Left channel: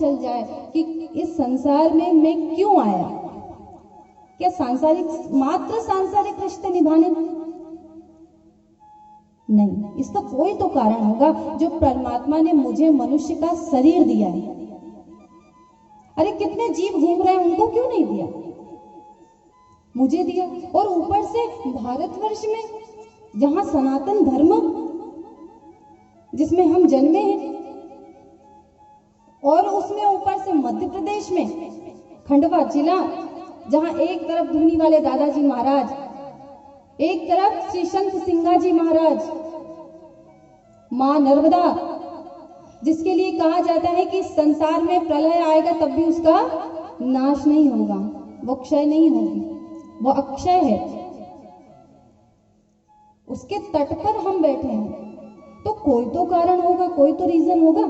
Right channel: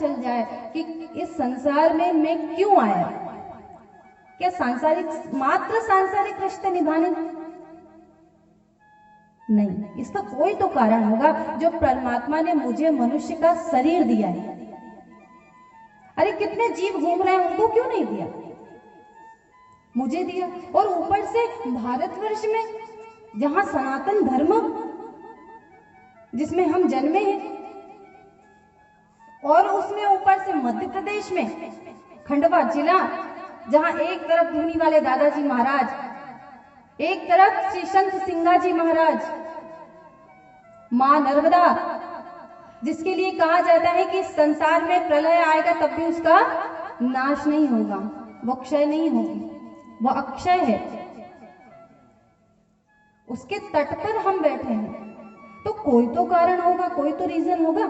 चल जाए कि इस संसार में मैं क्यों आया। क्या मात्र सांसारिक रिश्ते निभाने? नहीं, इसका कोई तो कारण होगा जो परमात्मा ने मुझे मनुष्य का शरीर दिया है। अरे कितने जीव घूम रहे हैं, उनको क्यों नहीं दिया? मुझे दिया। और ऊपर से भारतवर्ष में, जहां सनातन धर्म जिसमें हम जन्मे हैं, और उसमें ऊपर से मध्य प्रदेश में खंडवा जिला, जहां एक तरफ धूनी वाले दादाजी महाराज, एक तरफ श्री संत सिंगाजी महाराज, मां नर्मदा, जिसके लिए कहा जाता है कि संसार में प्रलय आएगा तब भी उसका नाश नहीं होगा, वो क्षय नहीं होगी, वो अक्षय है। उसके तट पर हम बैठे हैं, तो कोई तो कारण होगा, कोई तो रीजन होगा।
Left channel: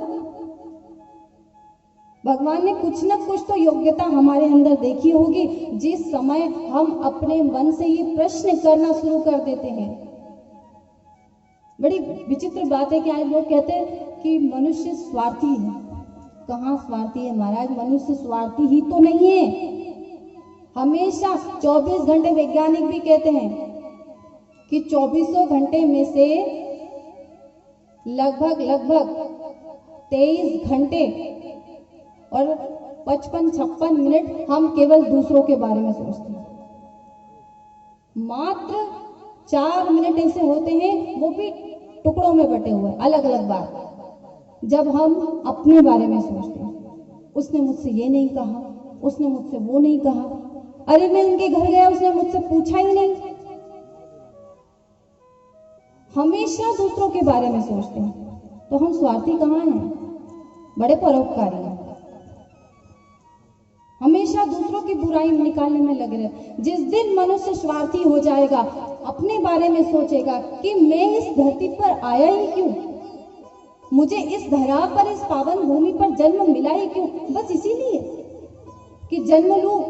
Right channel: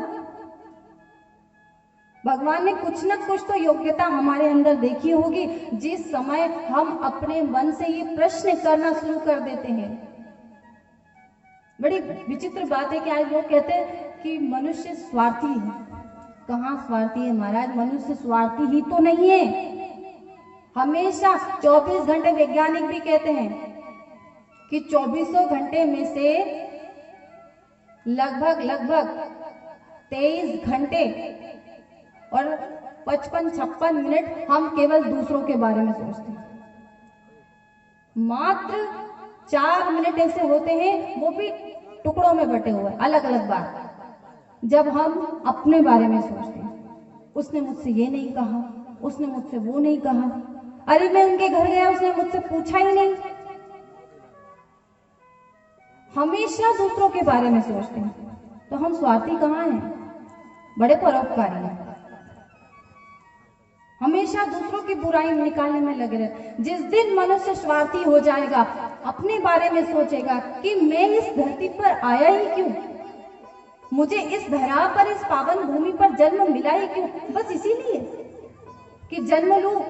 भगवान ने कुछ न कुछ तो योग्यता हमारे अंदर देखी होगी, जिस समय हम अपने मन से ये प्रश्न करना शुरू कर देते हैं। बड़ी विचित्र बात है कि आज लोग कहते हैं कि मनुष्य स्वार्थी है। कहाँ स्वार्थी है महाराज? मनुष्य स्वार्थी ही तो नहीं है। हमेशा 24 घंटे, वैज्ञानिक भी कहते हैं कि 24 घंटे में से लगभग 23 घंटे और 55-56 मिनट हम केवल दूसरों के बारे में सोचते हैं। मात्र 4 मिनट ऐसे होते हैं, वो भी टुकड़ों में बटे हुए, अलग अलग बात, जब हम अपने बारे में सोचते हैं। उसने मुझसे ये नहीं कहा, उसने मुझसे वो नहीं कहा, अरे मैं उनके घर गया, उसने मुझसे पूछा ही नहीं। हमेशा दूसरों के बारे में सोचते हैं, तो हम स्वार्थी कहाँ हैं? बड़े परोपकारी हैं। हमेशा दूसरों की बुराई निकालने में लगे रहते। जिस दिन मनुष्य स्वार्थी हो जाएगा, अपने बारे में सोचेगा कि मैं इस धरती पर आया ही क्यों, मुझे इस धरा पर, इस पावन भूमि पर जन्म मिला ही क्यों? बस इसीलिए कि जन्म लूं,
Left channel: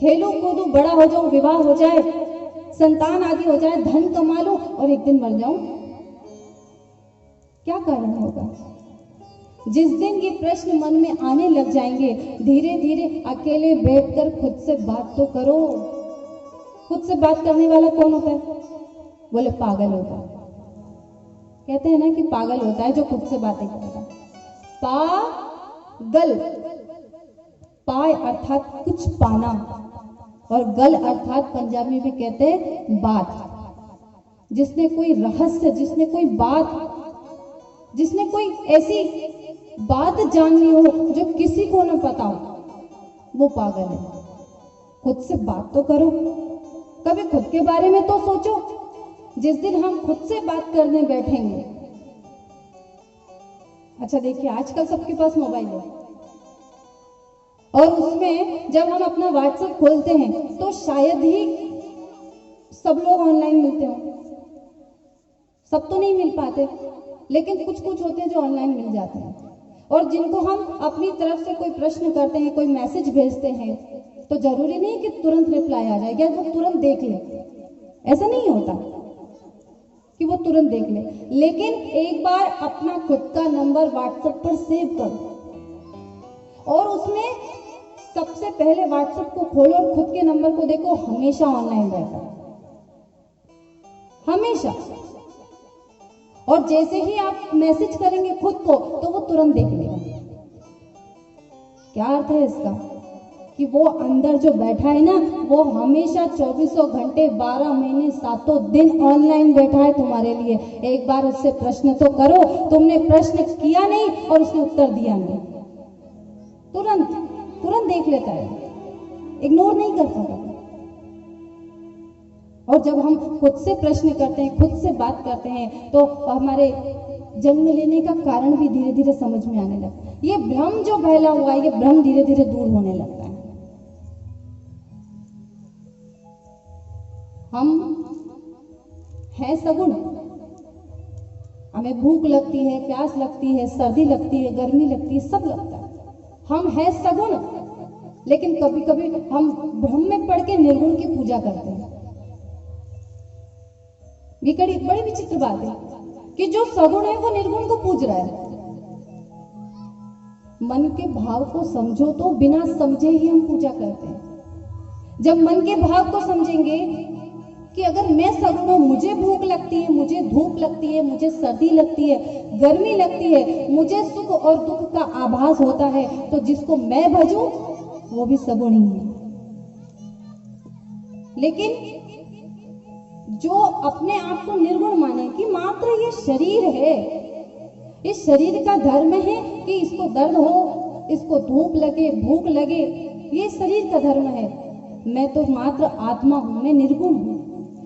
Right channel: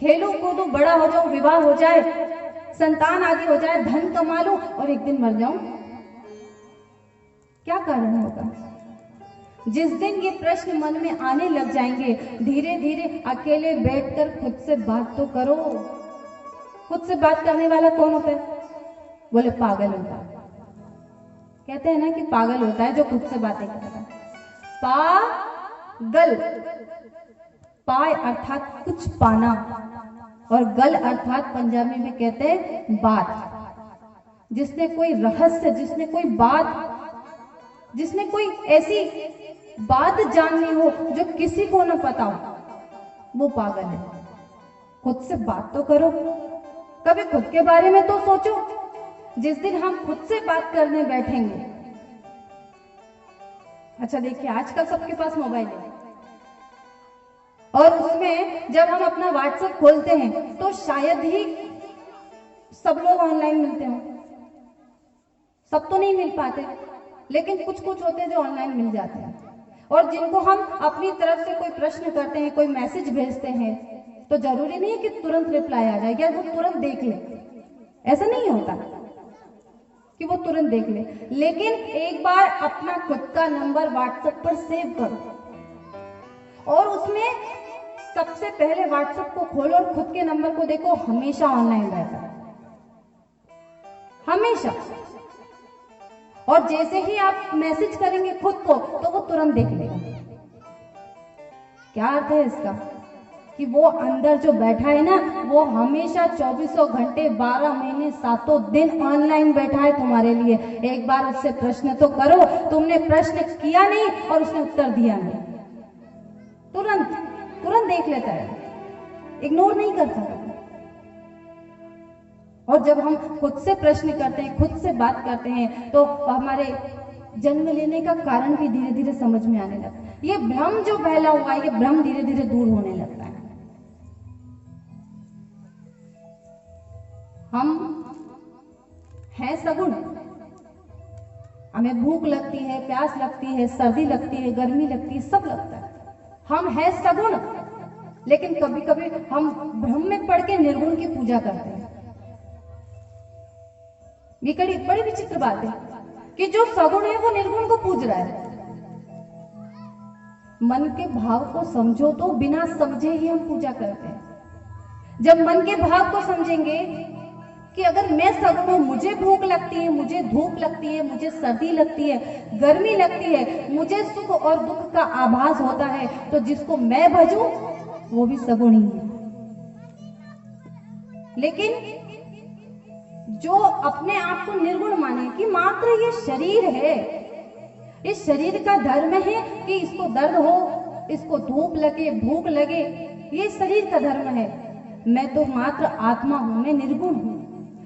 खेलूं कूदूं, बड़ा हो जाऊं, विवाह हो जाए, संतान आदि हो जाए, धन कमा लूं और एक दिन मर जाऊं। क्या कारण होगा? जिस दिन ये प्रश्न मन में आने लग जाएंगे, धीरे धीरे अकेले बैठकर खुद से बात तो करो। खुद से बात करने वाला कौन होता है? बोले पागल होता है। कहते हैं ना कि पागल होता है जो खुद से बातें करता है। पागल, पाय अर्थात कुछ पाना, और गल अर्थात पंजाबी में कहते हैं बात। जिसने कोई रहस्य, जिसने कोई बात, जिसने कोई ऐसी बात जाननी हो जो किसी को न पता हो, वो पागल है। खुद से बात तो करो, कभी खुद के बारे में तो सोचो। जिस दिन हम खुद से बात करने बैठेंगे, अच्छा देखिए आजकल सबके पास मोबाइल है, और उसमें जब हम अपना व्हाट्सएप खोलते हैं तो शायद ही सब लोग ऑनलाइन मिलते हो। सब तो नहीं मिल पाते, लेकिन कुछ कुछ होते हैं जो ऑनलाइन मिल जाते हैं, और जिनको हम अपनी तरफ से कोई प्रश्न करते हैं, कोई मैसेज भेजते हैं, तो जरूरी नहीं है कि तुरंत रिप्लाई आ जाए या वो तुरंत देख ले। ऐसा नहीं होता कि वो तुरंत देख ले, लेकिन एक बार अपना खुद का नंबर व्हाट्सएप पर सेव करो और उसमें सबसे पहले व्हाट्सएप को खोलो और खुद के नंबर को देखो। हमेशा ऑनलाइन रहता है, हमेशा। और जैसे ही आप मैसेज करेंगे खुद को, तो वो तुरंत देख लेगा। क्या अर्थ है इसका? कि वो अंदर जो बैठा है ना, वो हमेशा 24 घंटे 12 महीने 7 दिन ऑनलाइन बैठा है तुम्हारे लिए। एक बार उससे प्रश्न तो करो। तुमने प्रश्न किया नहीं और उसने उत्तर दिया नहीं, तुरंत तुरंत देख लेता है, इग्नोर नहीं करता है। और जब हम खुद से प्रश्न करते हैं, खुद से बात करते हैं, तो हमारे जन्म लेने का कारण भी धीरे धीरे समझ में आने लगता है। ये भ्रम जो फैला हुआ है, ये भ्रम धीरे धीरे दूर होने लगता है। हम हैं सगुण, हमें भूख लगती है, प्यास लगती है, सर्दी लगती है, गर्मी लगती है, सब लगता है। हम हैं सगुण, लेकिन कभी कभी हम भ्रम में पड़ के निर्गुण की पूजा करते हैं। ये बड़ी विचित्र बात है कि जो सगुण है वो निर्गुण को पूज रहा है। मन के भाव को समझो तो बिना समझे ही हम पूजा करते हैं। जब मन के भाव को समझेंगे कि अगर मैं सबको, मुझे भूख लगती है, मुझे धूप लगती है, मुझे सर्दी लगती है, गर्मी लगती है, मुझे सुख और दुख का आभास होता है, तो जिसको मैं भजूं वो भी सगुण ही है। लेकिन जो अपने आप को निर्गुण माने कि मात्र ये शरीर है, इस शरीर का धर्म है कि इसको दर्द हो, इसको धूप लगे, भूख लगे, ये शरीर का धर्म है। मैं तो मात्र आत्मा हूं, मैं निर्गुण हूं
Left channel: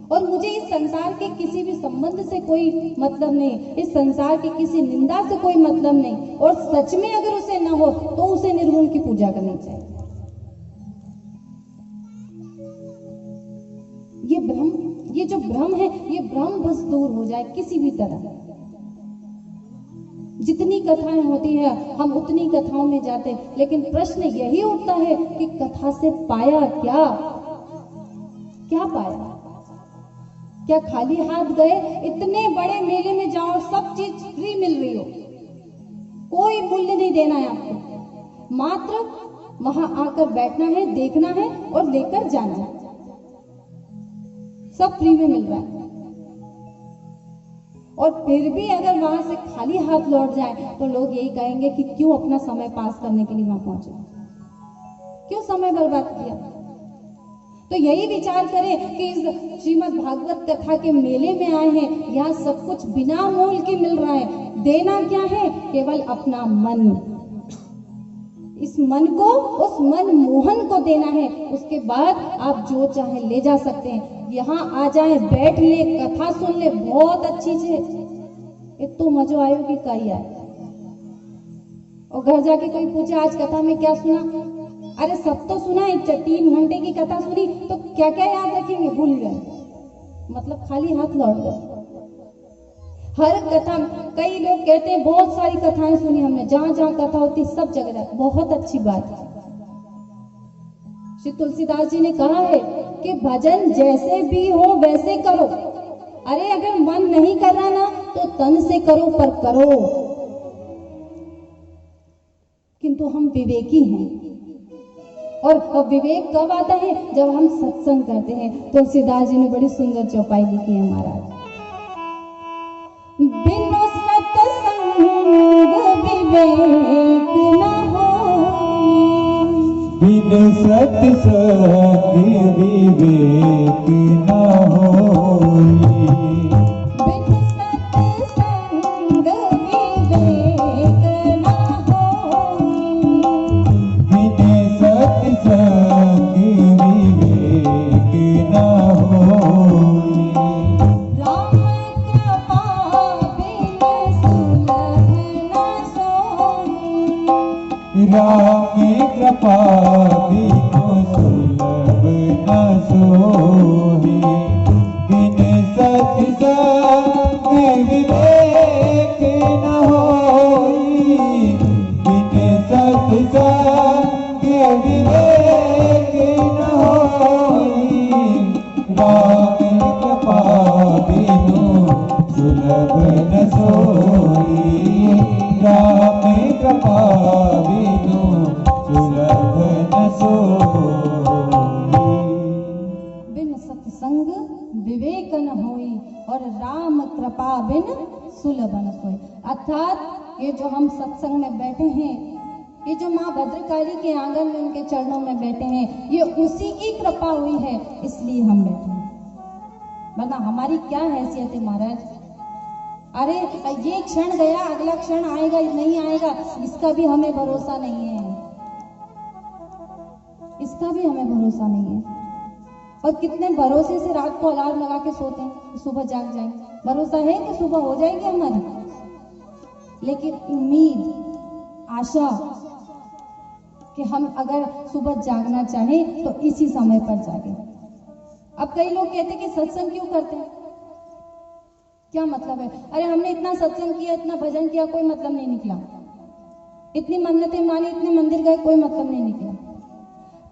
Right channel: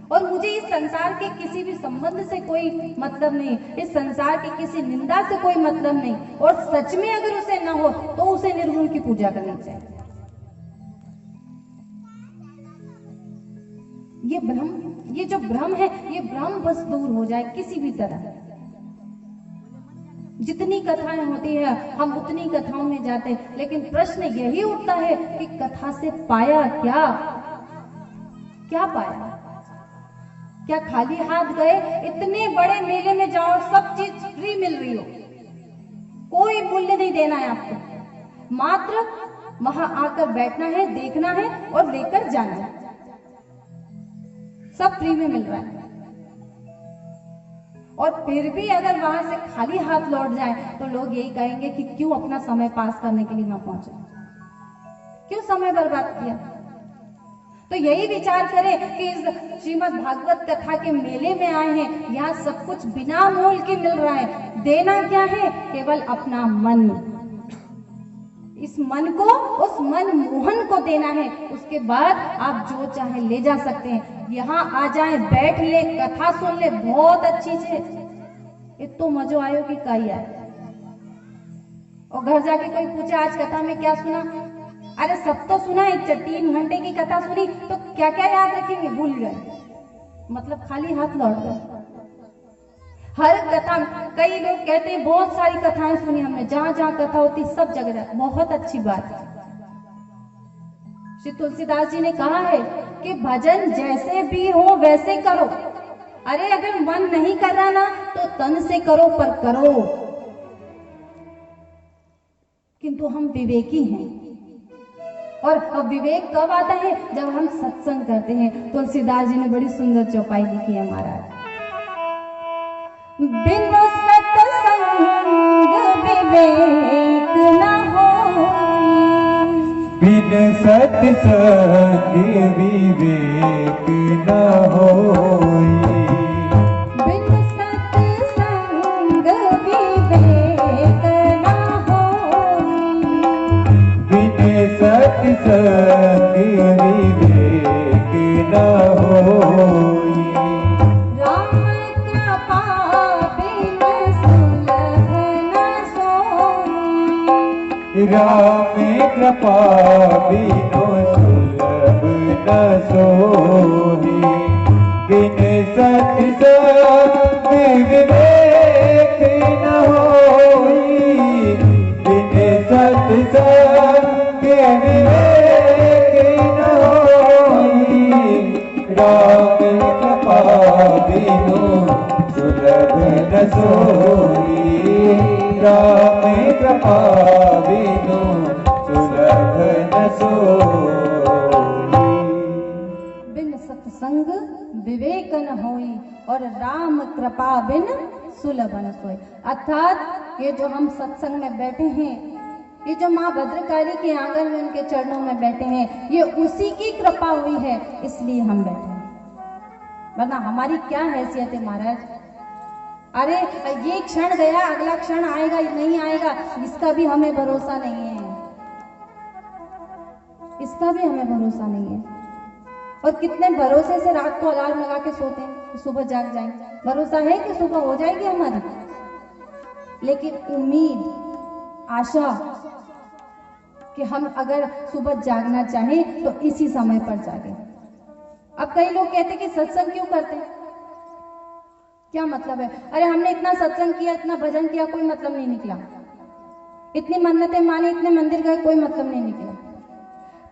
और मुझे इस संसार के किसी भी संबंध से कोई मतलब नहीं, इस संसार की किसी निंदा से कोई मतलब नहीं। और सच में अगर उसे न हो तो उसे निर्गुण की पूजा करनी चाहिए। ये जो भ्रम है, ये भ्रम बस दूर हो जाए किसी भी तरह। जितनी कथाएं होती है हम उतनी कथाओं में जाते हैं, लेकिन प्रश्न यही उठता है कि कथा से पाया क्या? क्या पाया? क्या खाली हाथ गए? इतने बड़े मेले में जाओ, सब चीज फ्री मिल रही हो, कोई मूल्य नहीं देना है आपको, मात्र वहां आकर बैठना है, देखना है और लेकर जाना है, सब फ्री में मिल रहा है। और फिर भी अगर वहां से खाली हाथ लौट जाए तो लोग यही कहेंगे कि क्यों अपना समय पास करने के लिए वहां पहुंचे, क्यों समय बर्बाद किया। तो यही विचार करें कि इस श्रीमद् भागवत कथा के मेले में आए हैं, यहाँ सब कुछ बिना मोल के मिल रहा है। देना क्या है? केवल अपना मन। इस मन को, उस मन मोहन को देना है। उसके बाद आप जो चाहे ले जा सकते हैं। यहाँ आ जाए, बैठ ले, कथा सुन ले, बहुत अच्छी से इतो मजो आयो कि कई आए। और घर जाके कोई पूछे आज कथा में क्या सुना, अरे सब तो सुना है, 3 घंटे की कथा सुनी, तो क्या क्या याद रखेंगे? भूल गए, मतलब खाली हाथ लौट गए। हर कथा, कई लोग कहते हैं बहुत सारी कथाएं सुनी हमने, जहां जहां कथा होती सब जगह, बहुत अच्छी बात है। श्री तुलसीदास जी ने कहा है कि भजन जैसे भी हो वैसे करो। अरे अगर मन नहीं कर रहा ना तो तन से करो, पर करो। किंतु हम विवेकी हैं, और विवेक कब आता है? जब हम सत्संग करते हैं। तुलसीदास जी ने बड़ी सुंदर चौपाई लिखी है महाराज। बिनु सत्संग विवेक न होई, बिन सत्संग विवेक न होई, बिनु सत्संग विवेक न होई, बिन सत्संग विवेक न होई, राम कृपा बिनु सुलभ न सोई, राम कृपा बिनु सुलभ न सोई, बिन सत्संग विवेक न होई, बिन सत्संग विवेक न होई, राम कृपा बिनु सुलभ न सोई, राम कृपा बिनु सुलभ न सोई। बिन सत्संग विवेक न होई और राम कृपा बिन सुलभ न सोई। अर्थात ये जो हम सत्संग में बैठे हैं, ये जो माँ भद्रकाली के आंगन में उनके चरणों में बैठे हैं, ये उसी की कृपा हुई है, इसलिए हम बैठे हैं। वरना हमारी क्या हैसियत है महाराज? अरे ये क्षण गया, अगला क्षण आएगा नहीं आएगा, इसका भी हमें भरोसा नहीं है, इसका भी हमें भरोसा नहीं है। और कितने भरोसे से रात को अलार्म लगा के सोते हैं कि सुबह जाग जाएंगे। भरोसा है कि सुबह हो जाएगी हमारी, लेकिन उम्मीद, आशा कि हम अगर सुबह जागना चाहें तो इसी समय पर जागे। अब कई लोग कहते हैं कि सत्संग क्यों करते हैं, क्या मतलब है? अरे हमने इतना सत्संग किया, इतना भजन किया, कोई मतलब नहीं निकला। इतनी मन्नतें मानी, इतने मंदिर गए, कोई मतलब नहीं निकला।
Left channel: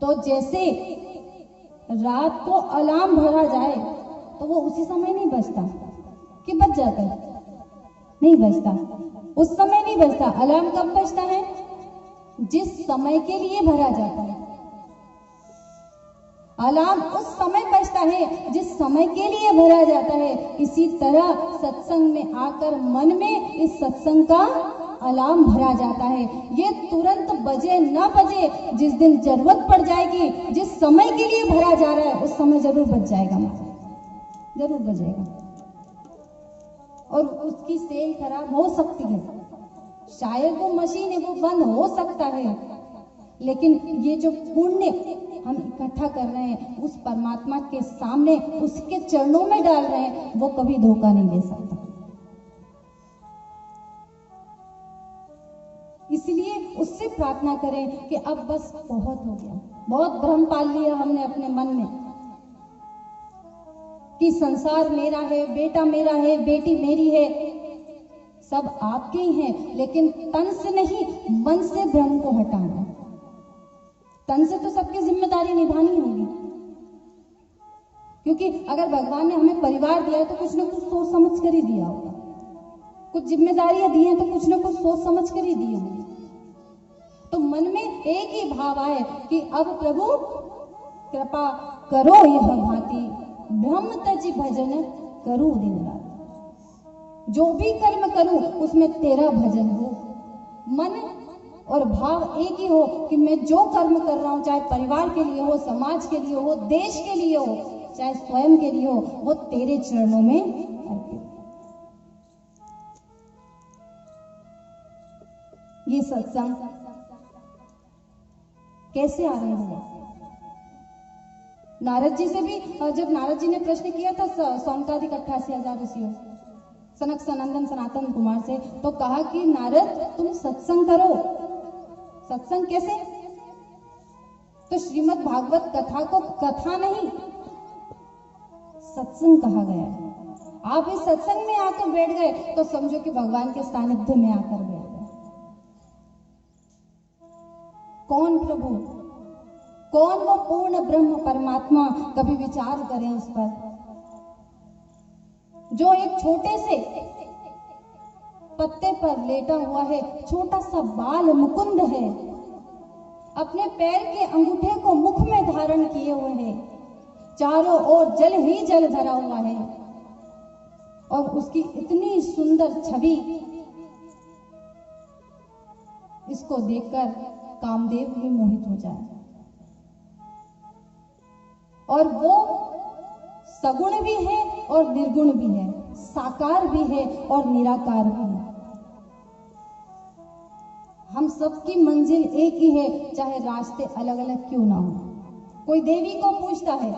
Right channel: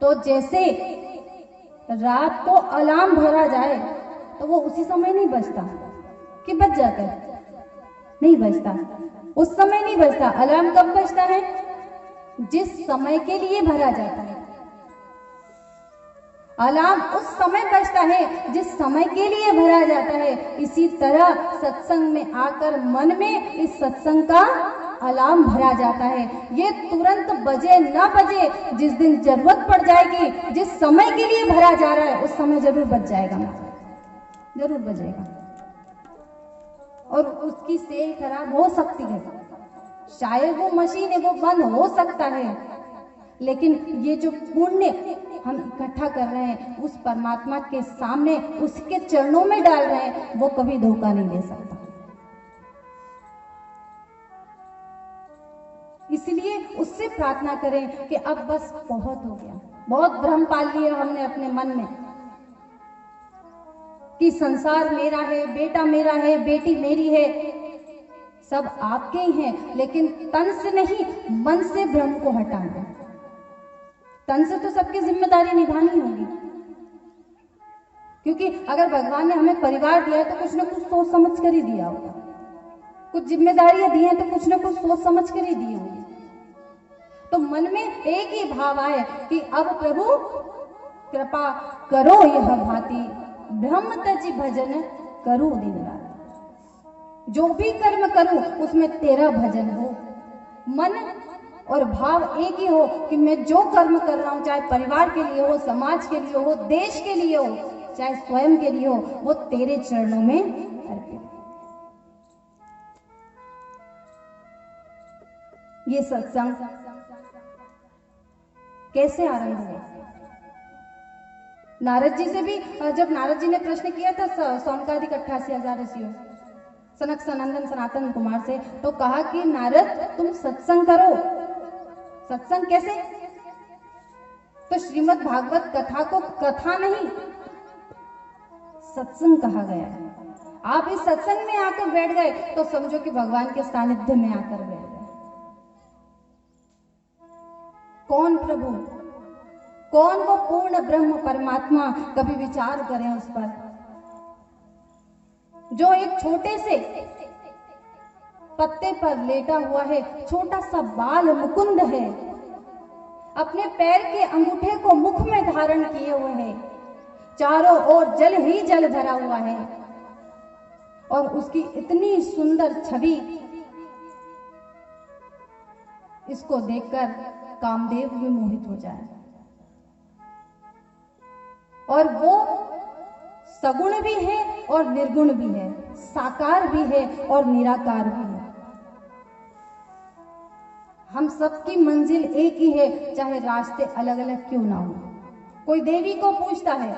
तो जैसे रात को अलार्म भरा जाए तो वो उसी समय नहीं बजता कि बज जाता है, नहीं बजता, उस समय नहीं बजता। अलार्म कब बजता है? जिस समय के लिए भरा जाता है। अलार्म उस समय बजता है जिस समय के लिए भरा जाता है। इसी तरह सत्संग में आकर मन में इस सत्संग का अलार्म भरा जाता है। ये तुरंत बजे ना बजे, जिस दिन जरूरत पड़ जाएगी, जिस समय के लिए भरा जा रहा है उस समय जरूर बज जाएगा, जरूर बजेगा। और उसकी सेल खराब हो सकती है, शायद वो मशीन है वो बंद हो सकता है, लेकिन ये जो पुण्य हम इकट्ठा कर रहे हैं उस परमात्मा के सामने उसके चरणों में डाल रहे हैं, वो कभी धोखा नहीं दे सकता। इसलिए उससे प्रार्थना करें कि अब बस बहुत हो गया, बहुत भ्रम पाल लिया हमने अपने मन में कि संसार मेरा है, बेटा मेरा है, बेटी मेरी है, सब आपके ही हैं, लेकिन तन से नहीं मन से भ्रम को हटाना। तन से तो सबकी जिम्मेदारी निभानी होगी, क्योंकि अगर भगवान ने हमें परिवार दिया है तो कुछ ना कुछ सोच समझ कर ही दिया होगा, कुछ जिम्मेदारियां दी हैं तो कुछ ना कुछ सोच समझ कर ही दी होगी। तो मन में एक ही भाव आए कि अब प्रभु कृपा करो यह भांति, ब्रह्म तजी भजन करूं दिन रात। जो भी कर्म करूं उसमें तेरा भजन हो। मन और भाव एक ही हो कि मैं जो कर्म कर रहा हूं, चाहे परिवार के लिए हो, समाज के लिए हो, देश के लिए हो, चाहे स्वयं के लिए हो, वो तेरे चरणों में अर्पित। ये सत्संग कैसे आरंभ हुआ? नारद जी से भी, जब नारद जी ने प्रश्न किया था सौनकादिक 88,000 ऋषियों, सनक सनंदन सनातन कुमार से, तो कहा कि नारद तुम सत्संग करो। सत्संग कैसे? तो श्रीमद् भागवत कथा को कथा नहीं सत्संग कहा गया है। आप इस सत्संग में आकर बैठ गए तो समझो कि भगवान के सानिध्य में आकर बैठ गए। कौन प्रभु, कौन वो पूर्ण ब्रह्म परमात्मा, कभी विचार करें उस पर, जो एक छोटे से पत्ते पर लेटा हुआ है, छोटा सा बाल मुकुंद है, अपने पैर के अंगूठे को मुख में धारण किए हुए है, चारों ओर जल ही जल भरा हुआ है, और उसकी इतनी सुंदर छवि, इसको देखकर कामदेव भी मोहित हो जाए। और वो सगुण भी है और निर्गुण भी है, साकार भी है और निराकार भी है। हम सबकी मंजिल एक ही है, चाहे रास्ते अलग अलग क्यों ना हो। कोई देवी को पूजता है,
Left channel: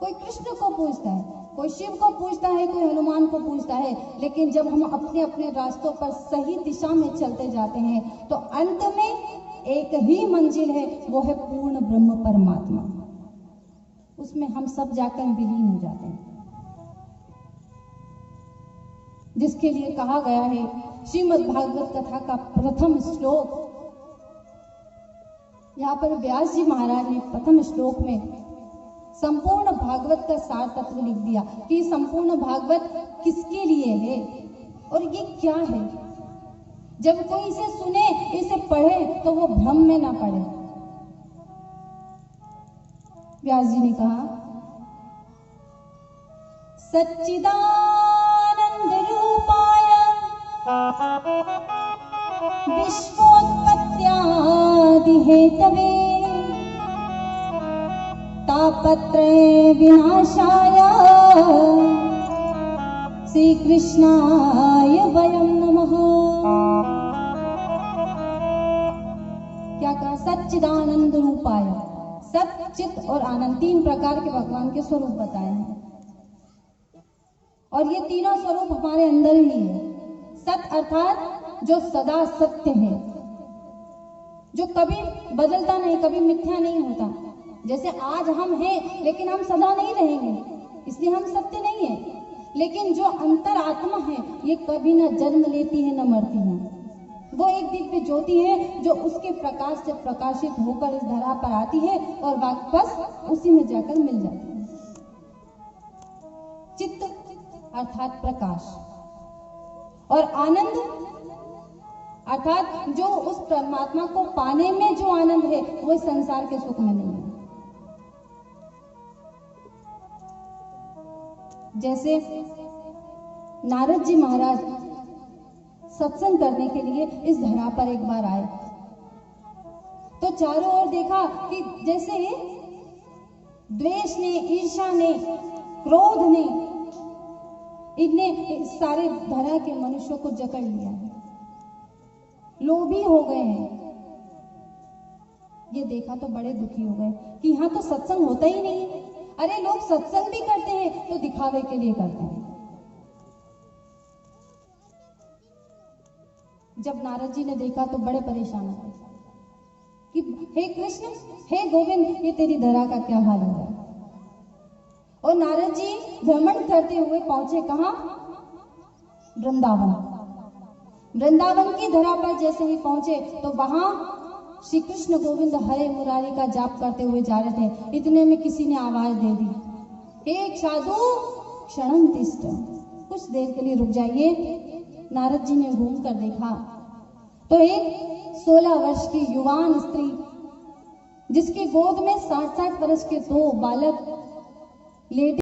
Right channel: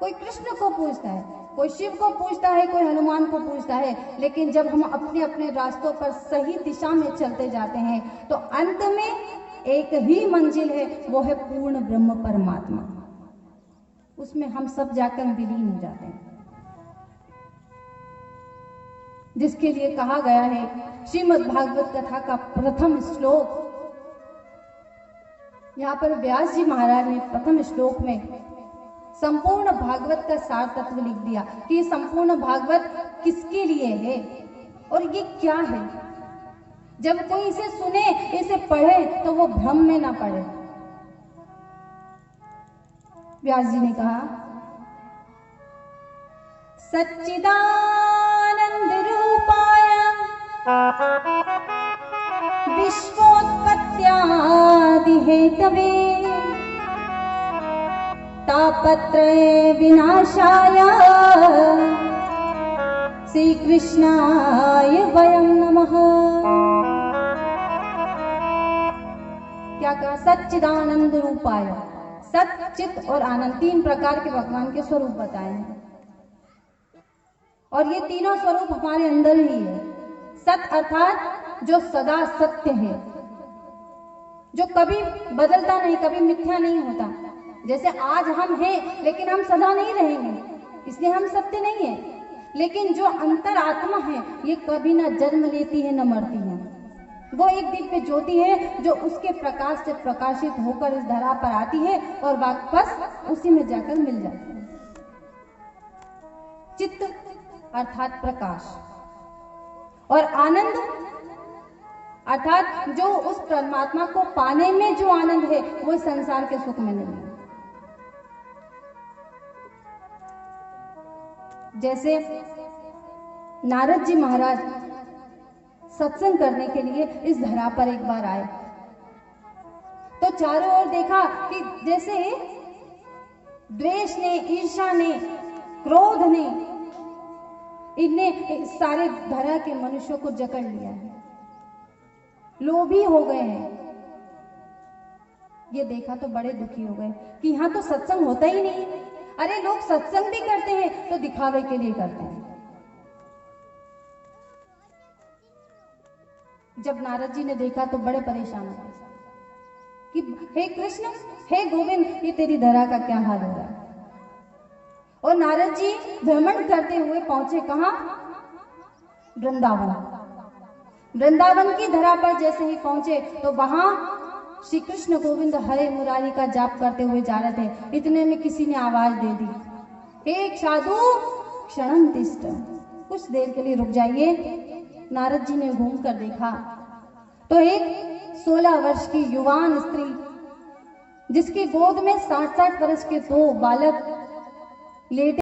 कोई कृष्ण को पूजता है, कोई शिव को पूजता है, कोई हनुमान को पूजता है, लेकिन जब हम अपने अपने रास्तों पर सही दिशा में चलते जाते हैं तो अंत में एक ही मंजिल है, वो है पूर्ण ब्रह्म परमात्मा। उसमें हम सब जाकर विलीन हो जाते हैं, जिसके लिए कहा गया है श्रीमद् भागवत कथा का प्रथम श्लोक। यहाँ पर व्यास जी महाराज ने प्रथम श्लोक में संपूर्ण भागवत का सार तत्व लिख दिया कि संपूर्ण भागवत किसके लिए है और ये क्या है। जब कोई इसे सुने, इसे पढ़े, तो वो भ्रम में ना पड़े। व्यास जी ने कहा, सच्चिदानंद रूपाय विश्वोत्पत्त्यादि हेतवे तापत्रय विनाशाय श्री कृष्णाय वयं नमः। क्या कहा? सच्चिदानंद रूपाय। सत, चित और आनंद, तीन प्रकार के भगवान के स्वरूप बताए हैं, और ये तीनों स्वरूप हमारे अंदर ही है। सत अर्थात जो सदा सत्य है, जो कभी बदलता नहीं, कभी मिथ्या नहीं होता। जैसे आज हम हैं लेकिन हम सदा नहीं रहेंगे, इसलिए हम सत्य नहीं है। लेकिन जो अंतर आत्मा है ये कभी न जन्म लेती है न मरती है। वो एक दिव्य ज्योति है जो उसके प्रकाश से प्रकाशित होकर इस धरा पर आती है और वापस उसी में जाकर मिल जाती है। चित्त अर्थात प्रकाश, और आनंद अर्थात जो उस परमात्मा को पाने में जो आनंद है वो इस संसार के सुख में नहीं है। जैसे नारद जी महाराज सत्संग करने के लिए इस धरा पर एक बार आए तो चारों ओर देखा कि जैसे द्वेष ने, ईर्ष्या ने, क्रोध ने इनने सारे धरा के मनुष्यों को जकड़ लिया है, लोभी हो गए हैं। ये देखा तो बड़े दुखी हो गए कि यहां तो सत्संग होता ही नहीं। अरे लोग सत्संग भी करते हैं तो दिखावे के लिए करते हैं। जब नारद जी ने देखा तो बड़े परेशान हो कि हे कृष्ण, हे गोविंद, ये तेरी धरा का क्या हाल हो रहा है। और नारद जी भ्रमण करते हुए पहुंचे कहां? वृंदावन। वृंदावन की धरा पर जैसे ही पहुंचे तो वहां श्री कृष्ण गोविंद हरे मुरारी का जाप करते हुए जा रहे थे। इतने में किसी ने आवाज दे दी, एक साधु क्षणम तिष्ठ, कुछ देर के लिए रुक जाइए। नारद जी ने घूम कर देखा तो एक 16 वर्ष की युवान स्त्री जिसकी गोद में 60-60 वर्ष के 2 बालक लेटे